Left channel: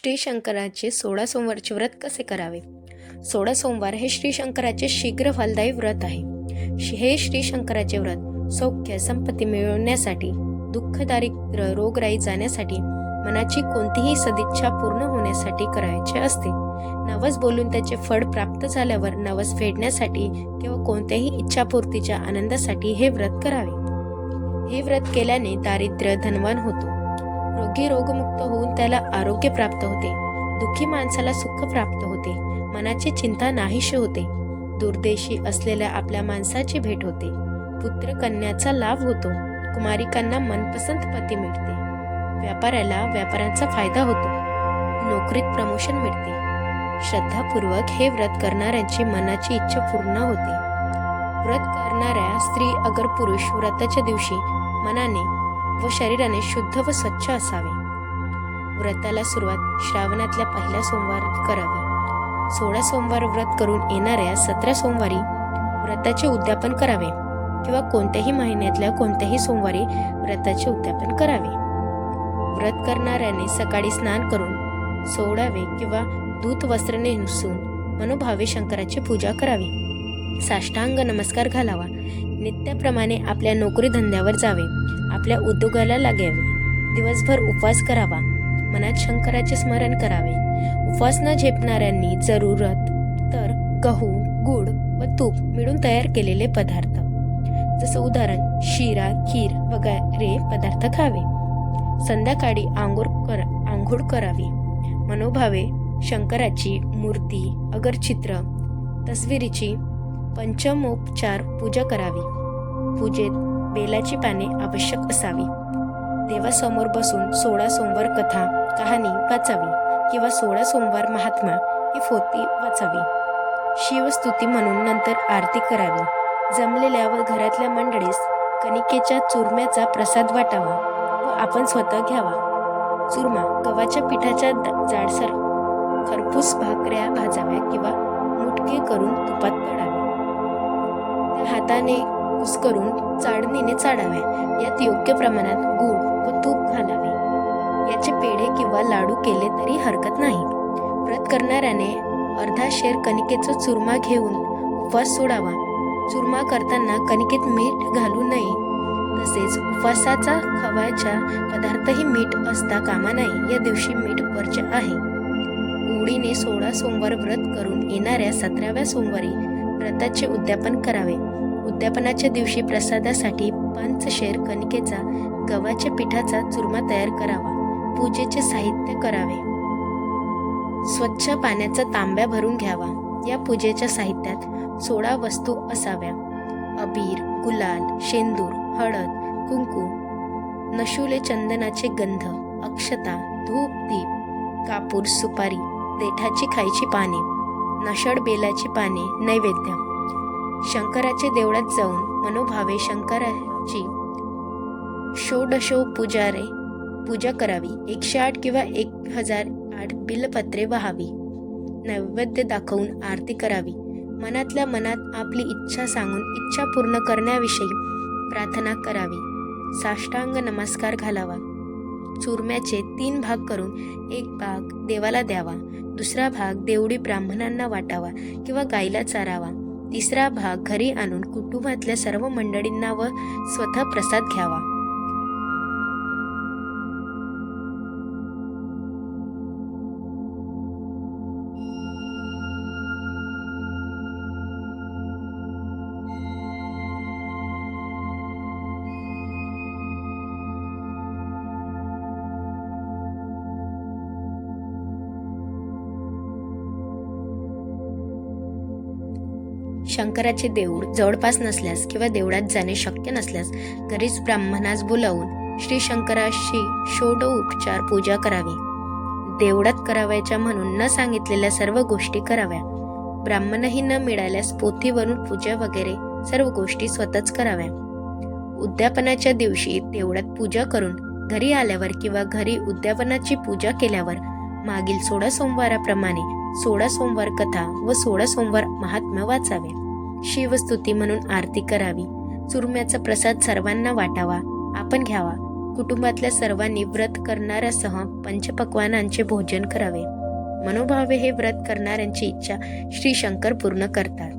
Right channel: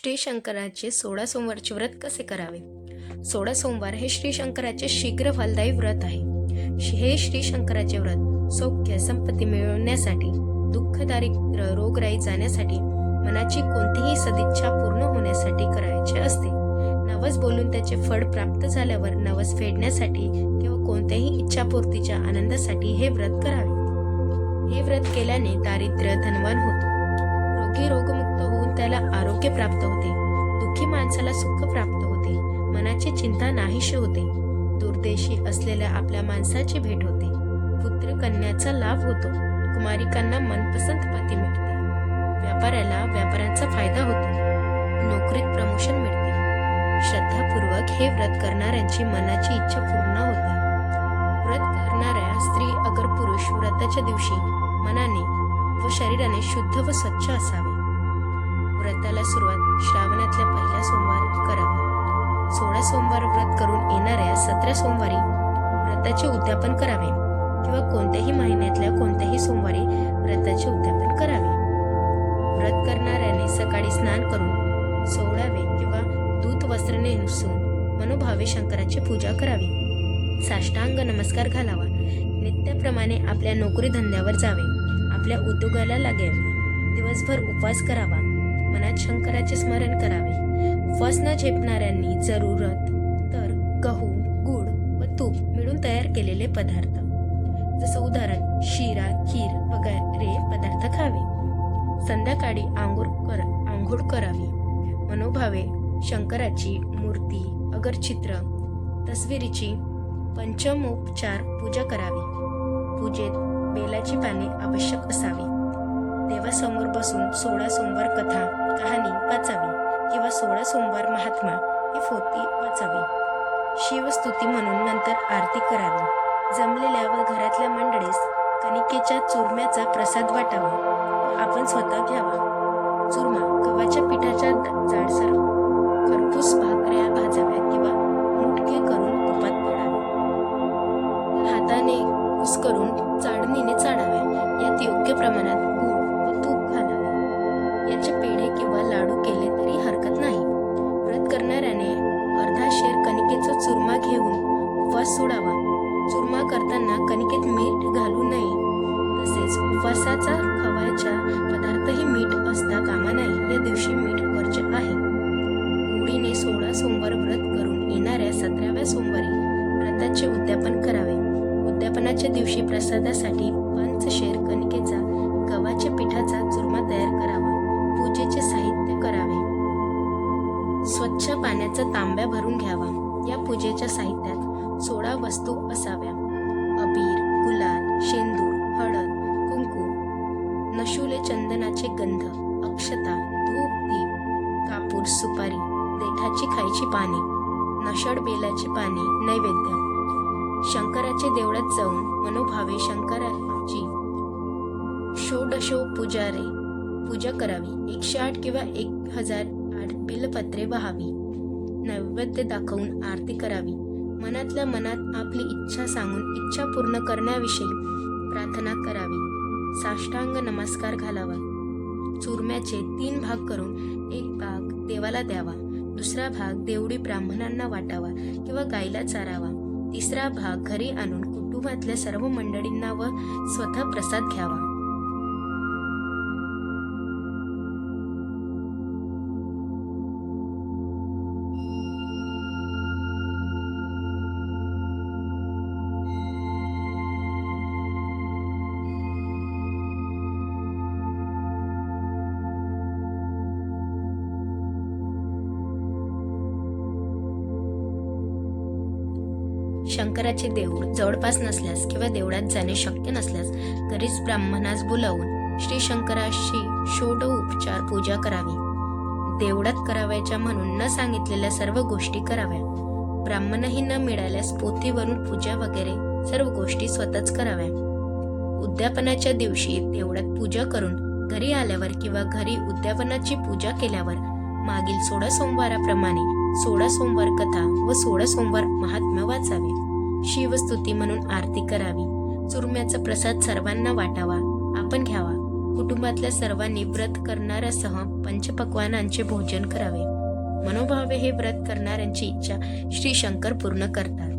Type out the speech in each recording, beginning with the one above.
श्री शंकराचे 16 सोमवारचे व्रत कसे करावे? 16 सोमवार हे श्री शंकराचे शीघ्र फलदायी व्रत आहे. हे श्री शंकराचे व्रत सौख्य संपत्ती मिळवण्यासाठी, दुःख दारिद्र्य रोगराई जाण्यासाठी, मनाची कोणतीही सदिच्छा पूर्ण होण्यासाठी करायचे असते. नवस बोलून त्याचे फळ प्राप्त झाल्यावर नवस फेडण्यासाठी किंवा कोणत्याही इच्छापूर्तीच्या आनंदासाठी हे व्रत करावे. हे व्रत केल्याने दारिद्र्य धनवान होतो, रोगी रोगमुक्त होऊन त्याला आरोग्य प्राप्त होते, दुःखी माणसाला सुख प्राप्त होते, मनाची चिंता नाहीशी होते, दूरदेशी असलेल्या आपल्या माणसाची भेट होते, पुत्र कन्याचा लाभ होतो, कुमारिकांना मनपसंत पती मिळते, व्यापाऱ्याला व्यापारांचा फायदा होतो, नोकरीत प्रमोशन मिळते. श्रद्धापूर्वक हे व्रत करणाऱ्यांची मनाची इच्छा पूर्ण होते. व्रत करणाऱ्या स्त्री अगर पुरुष व्रताच्या दिवशी मनाने व शरीराने शुद्ध व स्वच्छ असावे. व्रताला सुरुवात श्रावणातल्या पहिल्या सोमवारी करावी. 16 सोमवार व्रत करून येणाऱ्या 17 सोमवारी व्रताचे उद्यापन करावे किंवा कोणत्याही महिन्यातल्या कोणत्याही सोमवारी व्रताचे उद्यापन करावे. व्रत करणाऱ्याने सकाळी स्नान करून सोडावे किंवा दूत वस्त्र नेसून मनोभावे शंकराची पूजा करावी. साष्टांग नमस्कार घालावा. नित्याप्रमाणे आपल्या नोकरी धंद्यावर जावे, आपल्या उद्योगाला लागावे. दिवसभर उपवास करावा, मनात शंकराचे स्मरण करावे. उपवास न झेपणाऱ्यांनी जरूरत तर गहू, गूळ व तूप मिळून तयार केलेले पदार्थ, जसं उदाहरण शिरा, खीर वगैरे पदार्थ खावे. संध्याकाळी आंघोळ करावी. मनोभावे शंकराची मूर्ती अगर चित्र तस्वीरीची पंचमोपचार पूजा करावी. पूजेत बेलाची पाने आवश्यक असावी. देवासमोर बसून 16 सोमवार कथा कहाणी वाचावी किंवा 16 सोमवार महात्मा ही पोथी वाचावी. शिवस्तुती म्हणून नंतर आरती करावी. जमलेल्या व घरातल्या मंडळीस कणिकेच्या चुरम्याचा प्रसाद वाटावा व आपण स्वतः घ्यावा. चुरमा गव्हाच्या पिठाच्या जाडसर खरपूस भाकऱ्या भाजाव्या किंवा मुटके करून तुपात तळावे. हाताने कुस्करून चाळणीने चाळाव्या. यात योग्य प्रमाणात गूळ व तूप घालावे. याचे पेढे किंवा लाडू केले तरी हरकत नाही. व्रत करणाऱ्याने अर्धा शेर कणिकेचा चुरमा घेऊन उपवास सोडावा. चुरमा करताना कणिकेत मीठ घालू नये. तसेच उपवासाचा खवायचा पदार्थही मीठ असता कामा नये. या दिवशी मीठ वर्ज्य आहे. ओढीने 16 सोमवार व्रत करून येणाऱ्या 17व्या सोमवारी व्रताचे उद्यापन करावे. उद्यापनाच्या दिवशी प्रसादासाठी 5 शेर कणिकेचा गव्हाच्या पिठाचा चुरमा तयार करावा. पूजेचे साहित्य करावे. स्वच्छ पाण्याचा तांब्या भरून घ्यावा. या पूजेच्या साहित्यात 16 वस्तू असाव्या. अबीर, गुलाल, शेंदूर, हळद, कुंकू, नशुले चंदनाचे गंध, अक्षता, धूप, दीप, कापूर, सुपारी, देठाची खायची पाने, नशड बेलाची पाने, नैवेद्य. शंकराचे देवळात जाऊन मनोभावे शंकराची षोडशोपचारे पूजा करावी. 108 किंवा 1008 बिलपत्रे वाहावी. नैवेद्य दाखवून आरती करावी. मनातल्या मनात आपली इच्छा सांगून इच्छा पूर्ण करण्याविषयी प्रार्थना करावी. साष्टांग नमस्कार घालावा. चुरम्याचे 3 भाग करून एक भाग देवाला द्यावा, दुसरा भाग देवडी ब्राह्मणांना वाटावा किंवा गाईला चारावा, तिसरा भाग घरी आणून कुटुंबातल्या सर्व मंडळींना व स्वतः प्रसाद घ्यावा. शंकराचे देऊळ जवळपास नसल्यास किंवा देवळात जाणे शक्य नसल्यास घरीच ब्राह्मणास बोलावून श्री शंकराची षोडोपचार पूजा करावी. देवळात करावयाच्या म्हणून न सांगितलेल्या सर्व गोष्टी कराव्या. ब्राह्मणही न मिळाल्यास पोथीवरून पूजा वगैरे सर्व गोष्टी स्वतःच कराव्या. उद्यापनाच्या दिवशी देवळात पूजा करून घरी आल्यावर किंवा घरी उद्यापनाची पूजा केल्यावर मागील 16 सोमवाराप्रमाणे 16 सोमवार कथा व 16 सोमवार महात्म्य वाचावे. शिवस्तुती म्हणून आरती करावी. चुरम्याचा प्रसाद सर्वांना वाटावा, आपण घ्यावा. कुटुंबातल्या सर्वांनी व्रत करणाऱ्यासह पंचपक्वानांचे भोजन करावे. मनोभावे हे व्रत करणाऱ्यांची इच्छा श्री शंकर पूर्ण करतात.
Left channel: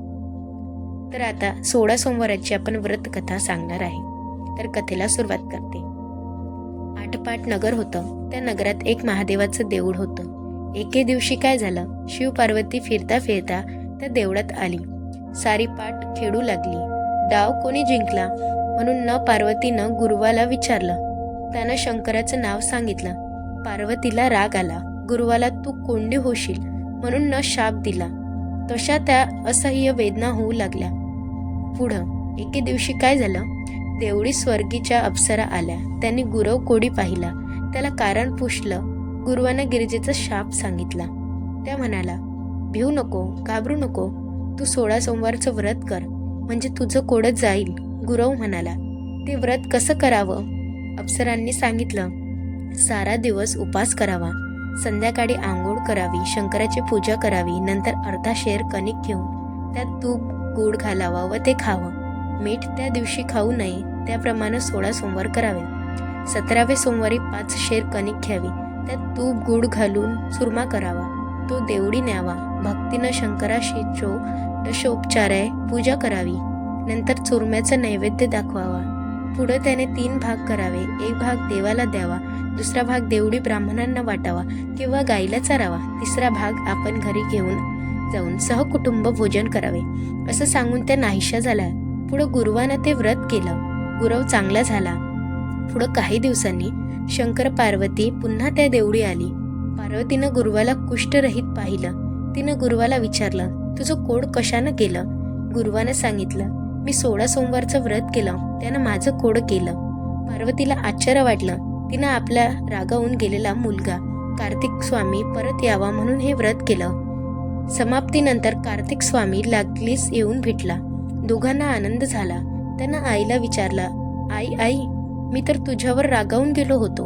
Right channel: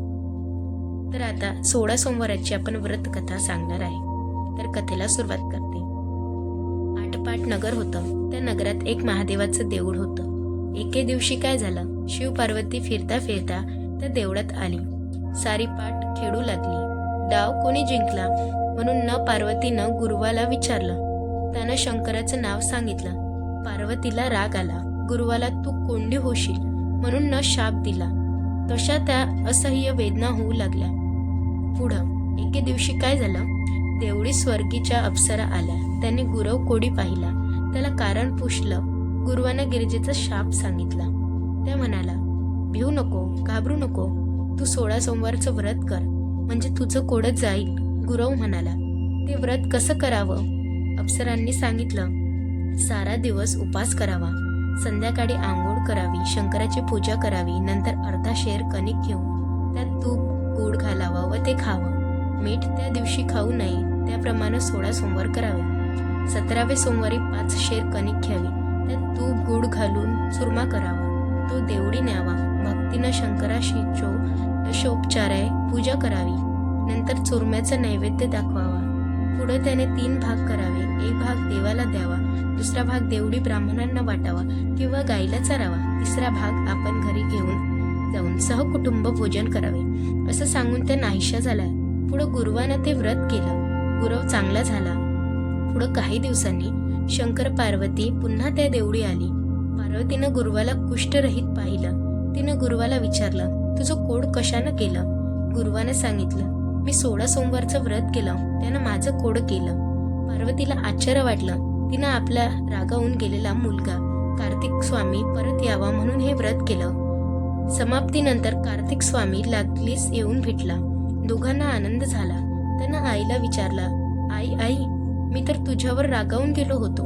तर आता 16 सोमवाराची आपण व्रत कथा सांगणार आहे. तर कथेला सुरुवात करते. आटपाट नगर होतं. त्या नगरात एक महादेवाचं देऊळ होतं. एके दिवशी काय झालं, शिव पार्वती फिरता फिरता त्या देवळात आली. सारी पाट खेळू लागली. डाव कोणी जिंकला म्हणून पार्वतीनं गुरुवाला विचारलं. त्यानं शंकराचं नाव सांगितलं. पार्वतीला राग आला. गुरुवाला तू कोंडी होशील म्हणून शाप दिला. तशा त्या असह्य वेदना होऊ लागल्या. पुढं एके दिवशी काय झालं, देवळी स्वर्गीच्या अप्सरा आल्या. त्यांनी गुरव कोडी पाहिला. त्याला कारण पुसलं. गुरुवानं गिरिजेचा शाप सांगितला. त्या म्हणाला, भिवू नको, घाबरू नको, तू 16 सोमवारचं व्रत कर म्हणजे तुझं कोडं जाईल. गुरव म्हणाला, ते व्रत कसं करावं? अप्सरांनी सांगितलं, सारा दिवस उपास करावा, संध्याकाळी आंघोळ करावी, शंकराची पूजा करावी, नंतर अर्धा शेर कणिक घेऊन त्यात तूप गूळ घालावा व ते खावं. मीठ त्या दिवशी खाऊ नये. त्याप्रमाणे 16 सोमवार करावे. 17व्या सोमवारी 5 शेर कणिक घ्यावी, त्यात तूप गूळ घालून चुरमा करावा, तो देवडी न्यावा, भक्तीनं शंकराशी षोडशोपचारे पूजा करावी, नंतर चुरम्याचं नैवेद्य दाखवावा. पुढे त्याने 3 भाग करावे. एक भाग देवाला द्यावा, दुसरा भाग देवडी ब्राह्मणांना वाटावा किंवा गाईला चारावा, तिसरा भाग आपण घरी घेऊन जाऊन सहकुटुंब भोजन करावे. असं सांगून त्या नाहीशा झाल्या. पुढं गुरुवानं ते व्रत केलं. गुरव चांगला झाला. पुढं काही दिवसांनी शंकर पार्वती पुन्हा त्या देवळी आली. पार्वतीनं गुरुवाला कुष्ठरहित पाहिलं. तिनं गुरुवाला विचारलं, तुझं कोड कशानं केलं? गुरुवानं सांगितलं, मी 16 सोमवारचं व्रत केलं, त्यानं माझं कोड केलं. पार्वतीला आश्चर्य वाटलं. तिनं आपला रागावून गेलेला मुलगा कार्तिक स्वामी परत यावा म्हणून हे व्रत केलं. समाप्तीनंतर कार्तिक स्वामी लागलीच येऊन भेटला. दोघांना आनंद झाला. त्यानं आईला विचारलं, आई, मी तर तुझ्यावर रागावून गेलो होतो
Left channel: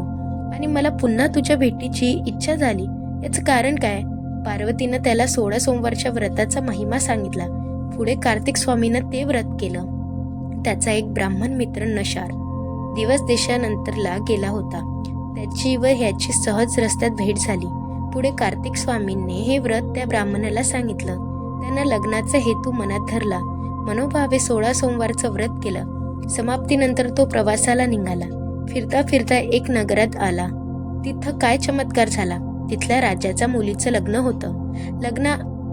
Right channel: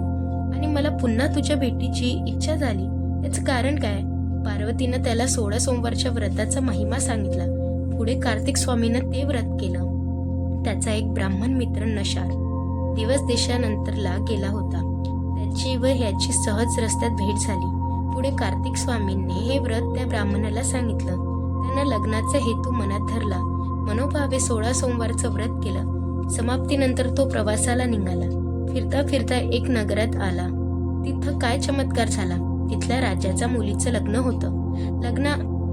आणि मला पुन्हा तुझ्या भेटीची इच्छा झाली. याचं कारण काय? पार्वतीनं त्याला 16 सोमवारच्या व्रताचा महिमा सांगितला. पुढे कार्तिक स्वामीनं ते व्रत केलं. त्याचा एक ब्राह्मण मित्र नशार दिवस देशानंतरला गेला होता. त्याची व ह्याची सहज रस्त्यात भेट झाली. पुढे कार्तिक स्वामींनी हे व्रत त्या ब्राह्मणाला सांगितलं. त्यानं लग्नाचा हेतू मनात धरला. मनोभावे 16 सोमवारचं व्रत केलं. समाप्तीनंतर तो प्रवासाला निघाला. फिरता फिरता एक नगरात आला. तिथं काय चमत्कार झाला. तिथल्या राजाच्या मुलीचं लग्न होतं.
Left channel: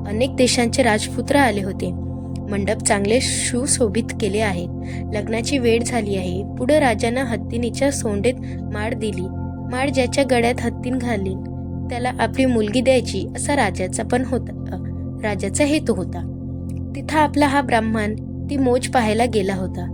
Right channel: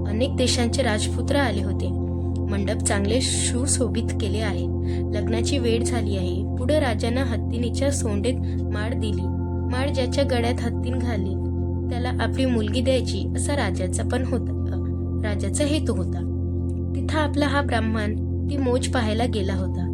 अनेक देशांचे राजपुत्र आले होते. मंडप चांगले सुशोभित केले आहेत. लग्नाची वेळ झाली आहे. पुढे राजानं हत्तीनीच्या सोंडेत माळ दिली. माळ ज्याच्या गळ्यात हत्तीन घालील त्याला आपली मुलगी द्यायची असा राजाचा हेतू होता. तिथं आपला हा ब्राह्मण ती मोज पाहायला गेला होता.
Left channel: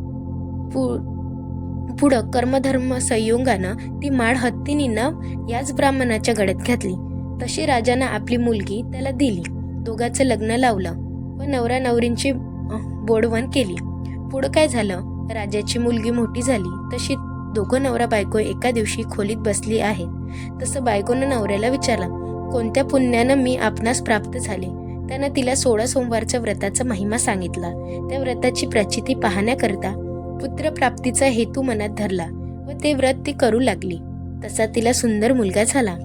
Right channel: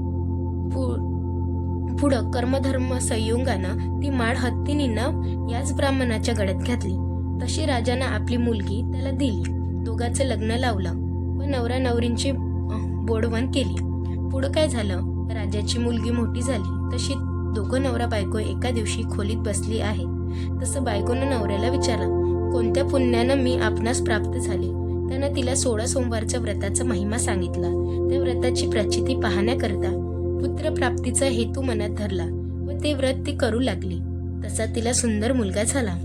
पुढं कर्मधर्म संयोगानं ती माळ हत्तीनीनं याच ब्राह्मणाच्या गळ्यात घातली. तशी राजानं आपली मुलगी त्याला दिली. दोघांचं लग्न लावलं व नवरा नवरींची बोडवण केली. पुढं काय झालं, राजाची मुलगी मोठी झाली. तशी दोघं नवरा बायको एका दिवशी खोलीत बसली आहेत. तसं बायकोनं नवऱ्याला विचारलं, कोणत्या पुण्यानं मी आपणास प्राप्त झाले? त्यानं तिला 16 सोमवारच्या व्रताचा महिमा सांगितला. त्या व्रताची प्रचिती पाहण्याकरता पुत्रप्राप्तीचा हेतू मनात धरला व ते व्रत ती करू लागली. तसा तिला सुंदर मुलगा झाला.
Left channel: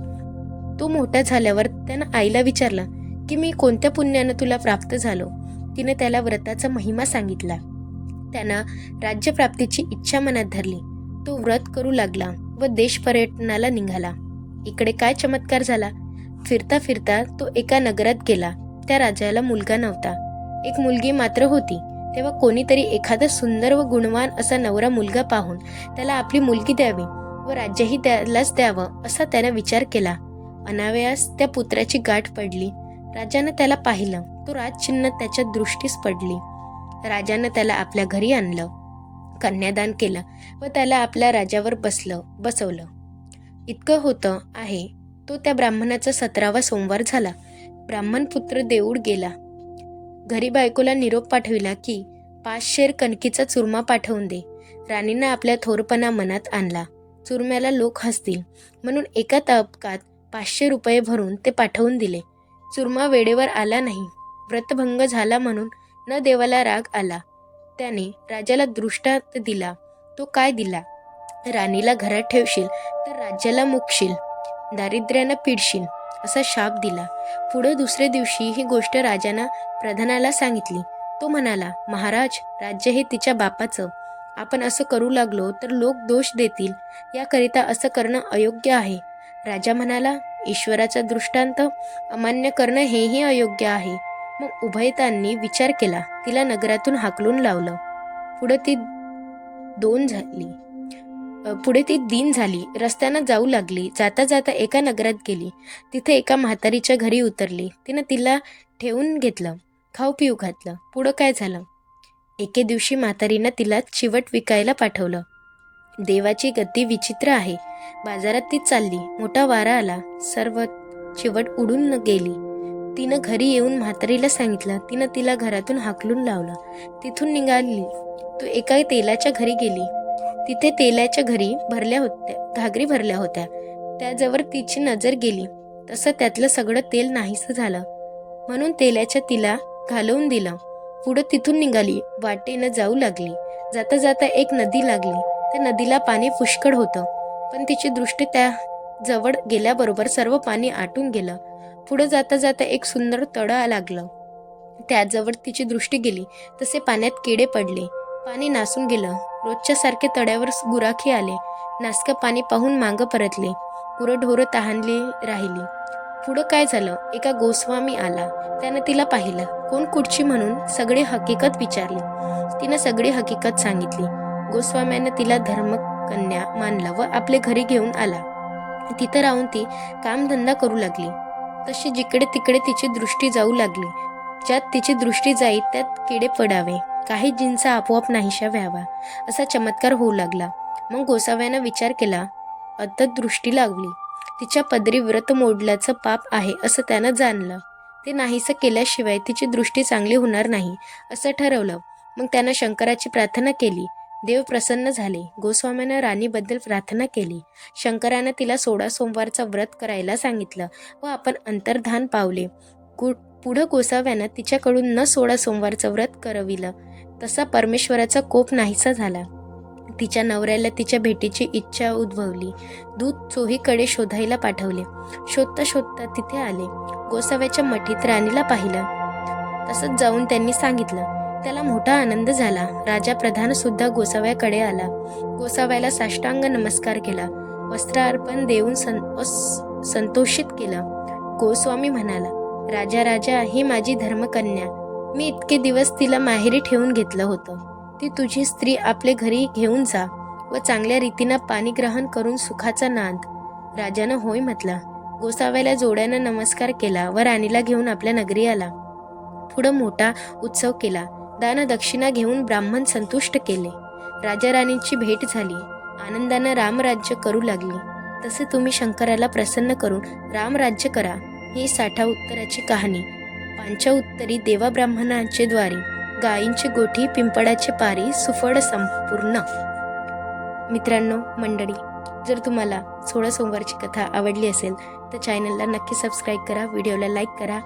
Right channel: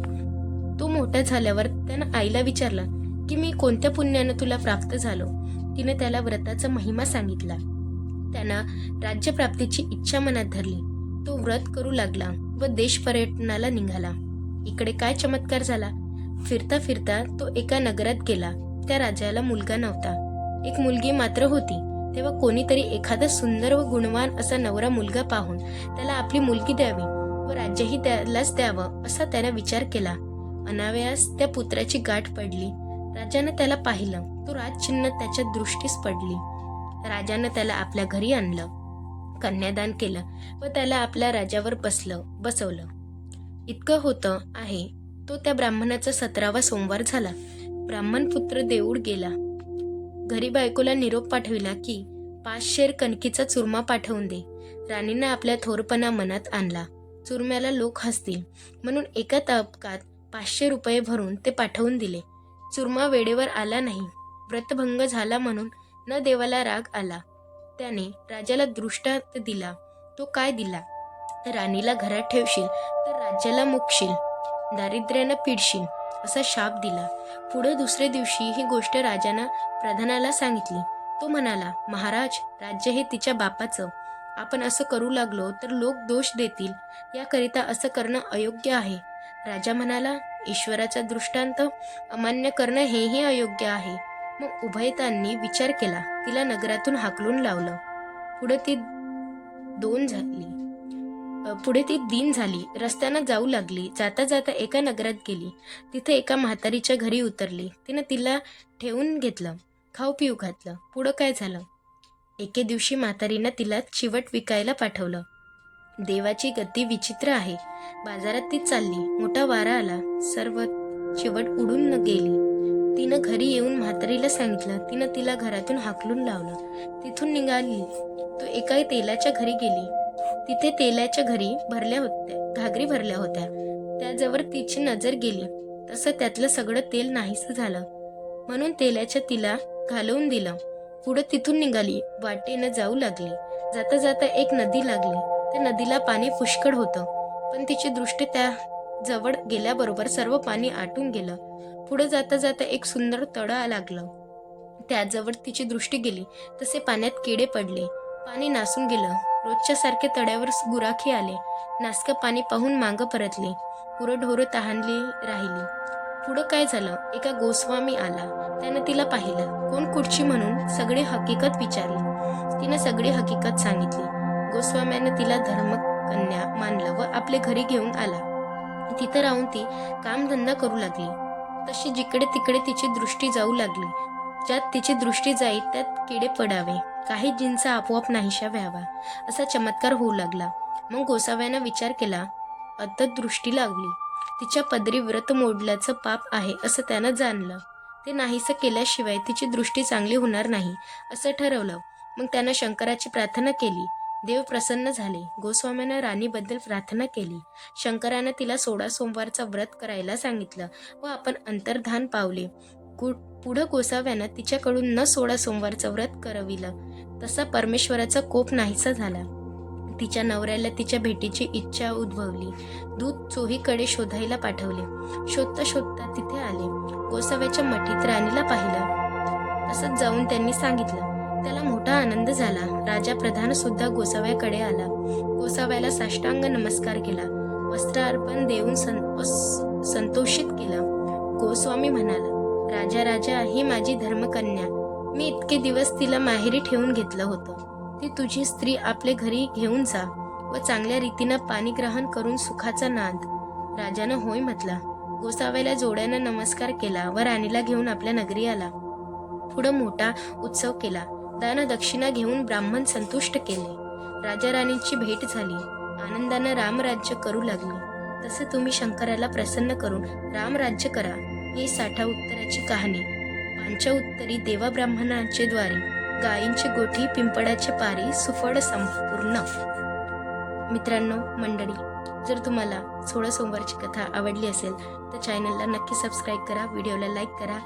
तो मोठा झाल्यावर त्यानं आईला विचारलं की मी कोणत्या पुण्यानं तुला प्राप्त झालो? तिने त्याला व्रताचा महिमा सांगितला. त्यानं राज्यप्राप्तीची इच्छा मनात धरली. तो व्रत करू लागला व देश पर्यटनाला निघाला. इकडे काय चमत्कार झाला. फिरता फिरता तो एका नगरात गेला. त्या राजाला मुलगा नव्हता. एक मुलगी मात्र होती. तेव्हा कोणीतरी एखादा सुंदर व गुणवान असा नवरा मुलगा पाहून त्याला आपली मुलगी द्यावी व राज्यही त्यालाच द्यावं असा त्याने विचार केला. अनावयास त्या पुत्राची गाठ पडली. राजानं त्याला पाहिलं. तो राजचिन्ह त्याच्या दृष्टीस पडली. राजानं त्याला आपल्या घरी आणलं, कन्यादान केलं व त्याला आपल्या राजावर बसवलं. इतकं होतं आहे तो त्या ब्राह्मणाचा 17वा सोमवार झाला. ब्राह्मण पुत्र देऊळ गेला. घरी बायकोला निरोप पाठविला की 5 शेर कणकीचा चुरमा पाठवून दे. राणीनं आपल्या थोरपणा मनात आणला. चुरम्याला लोक हसतील म्हणून एका तबकात 500 रुपये भरून ते पाठवून दिले. चुरमा वेळेवर आला नाही. व्रतभंग झाला म्हणून न देवाला राग आला. त्याने राजाला दृष्टांत दिला. तो काय दिला, राणीला घरात ठेवशील तर राज्याला मुकशील, दारिद्र्यानं पिडशील असा शाप दिला. पुढे दुसऱ्या दिवशी ही गोष्ट राजानं प्रधानाला सांगितली. तो म्हणाला, महाराज, राज्य हे तिच्या बापाचं. आपण असं करू लागलो तर लोक दोष देतील. याकरिता असं करणं अयोग्य आहे. राजा म्हणाला, ईश्वराचा दृष्टांत अमान्य करणं हेही अयोग्य आहे. मग उभयतांनी विचार केला. तिला नगरातून हाकलून लावलं. पुढे ती दिन झाली. रस्त्यानं जाऊ लागली. जाता जाता एका नगरात गेली. तिथे एका म्हातारीच्या घरी उतरली. तिनं तिला ठेवून घेतलं, खाऊ पिऊ घातलं. पुढं काय झालं? एके दिवशी म्हातारीनं तिला चिवट विकायला पाठवलं. देवाची गती विचित्र आहे. बाजारात ती चालली. मोठा वारा आला. सर्व चिवट उडून गेली. तिनं घरी येऊन म्हातारीला सांगितलं. तिनं तिला घरातून हाकलून लावलं. तिथून निघाली तो एका तेलाच्या घरी गेली. तिथे तेलाच्या घागरी भरल्या होत्या. त्याजवळ तिची नजर गेली. तसं त्यातलं सगळं तेल नाहीसं झालं. म्हणून तेलाच्या तिला घालवून दिलं. पुढं तिथून निघाली. वाटेनं जाऊ लागली. जाता जाता एक नदी लागली. त्या नदीला पाणी पुष्कळ होतं. पण तिची दृष्टी त्या जवळ गेल्याबरोबर सर्व पाणी आटून गेलं. पुढं जाता जाता एक सुंदर तळं लागलं. त्याजवळ तिची दृष्टी गेली तसे पाण्यात किडे पडले. पाणी नासून गेलं. रोजच्या सारखे तळ्यावर गुराखी आले. नासकं पाणी पाहून मागं परतले. गुरंढोरं तहानली राहिली. पुढं काय झालं? एका गोस्वामी आला. त्यानं तिला पाहिलं. कोण कुठची म्हणून सगळी हकीकत विचारली. तिनं सगळी हकीकत सांगितली. गोस्वाम्यानं तिला धर्मकन्या मानलं व आपल्या घरी घेऊन आला. तिथं राहून ती कामधंदा करू लागली. तशी जिकडे तिकडे तिची दृष्टी जाऊ लागली. ज्यात तिची दृष्टी जाई त्यात किडे पडावे, काही जिन्स आपोआप नाहीशा व्हावा, असा चमत्कार होऊ लागला. मग गोसाव्यानं विचार केला. आता दृष्टी लागली. तिच्या पदरी व्रत मोडल्याचं पाप आहे असं त्यानं जाणलं. ते नाहीसं केल्याशिवाय तिची दृष्टी चांगली होणार नाही असं ठरवलं. मग त्यानं शंकराची प्रार्थना केली. देव प्रसन्न झाले. गोस्वामीनं राणीबद्दल प्रार्थना केली. शंकरानं तिला 16 सोमवारचं व्रत करायला सांगितलं व आपण अंतर्धान पावले. पुढं गोसाव्यानं तिच्याकडून न 16 सोमवारचं व्रत करविलं. तसा परमेश्वराचा कोप नाहीसा झाला. तिच्या नवऱ्याला तिच्या भेटीची इच्छा उद्भवली. दूत चोहीकडे शोधायला पाठवले. शोधता शोधता तिथे आले. गोसाव्याच्या मठीत राणीला पाहिलं. तसंच जाऊन त्यांनी सांगितलं. त्याला मोठा आनंद झाला. राजा प्रधान सुद्धा गोसाव्याकडे आला. गोसाव्याला साष्टांग नमस्कार केला. वस्त्रार्पण देऊन संतोषित केलं. गोस्वामी म्हणाला, राजा राजा, ही माझी धर्मकन्या. मी इतके दिवस तिला माहेरी ठेवून घेतलं होतं. ती तुझी स्त्री आपल्या घरी घेऊन जा व चांगल्या रीतीनं पाणीग्रहण करून सुखाचा नांद. राजानं होय म्हटलं. गोसाव्याला जोड्यानं नमस्कार केला व राणीला घेऊन आपल्या नगरी आला. पुढं मोठा उत्सव केला. दान दक्षिणा घेऊन ब्राह्मण संतुष्ट केले. राजा राणीची भेट झाली. आनंदानं रामराज्य करू लागली. तसे तुम्ही शंकराला प्रसन्न करून रामराज्य करा. ही 60 उत्तराची कहाणी. 5 उत्तरी देवा ब्राह्मणांचे द्वारी, गायींची गोठी, पिंपळाचे पारी, सुफळ संपूर्ण. मित्रांनो, मंडळी, जर तुम्हाला 16 सोमवारची कथा आवडली असेल तर चॅनलला नक्की सबस्क्राईब करा, व्हिडिओला लाईक करा.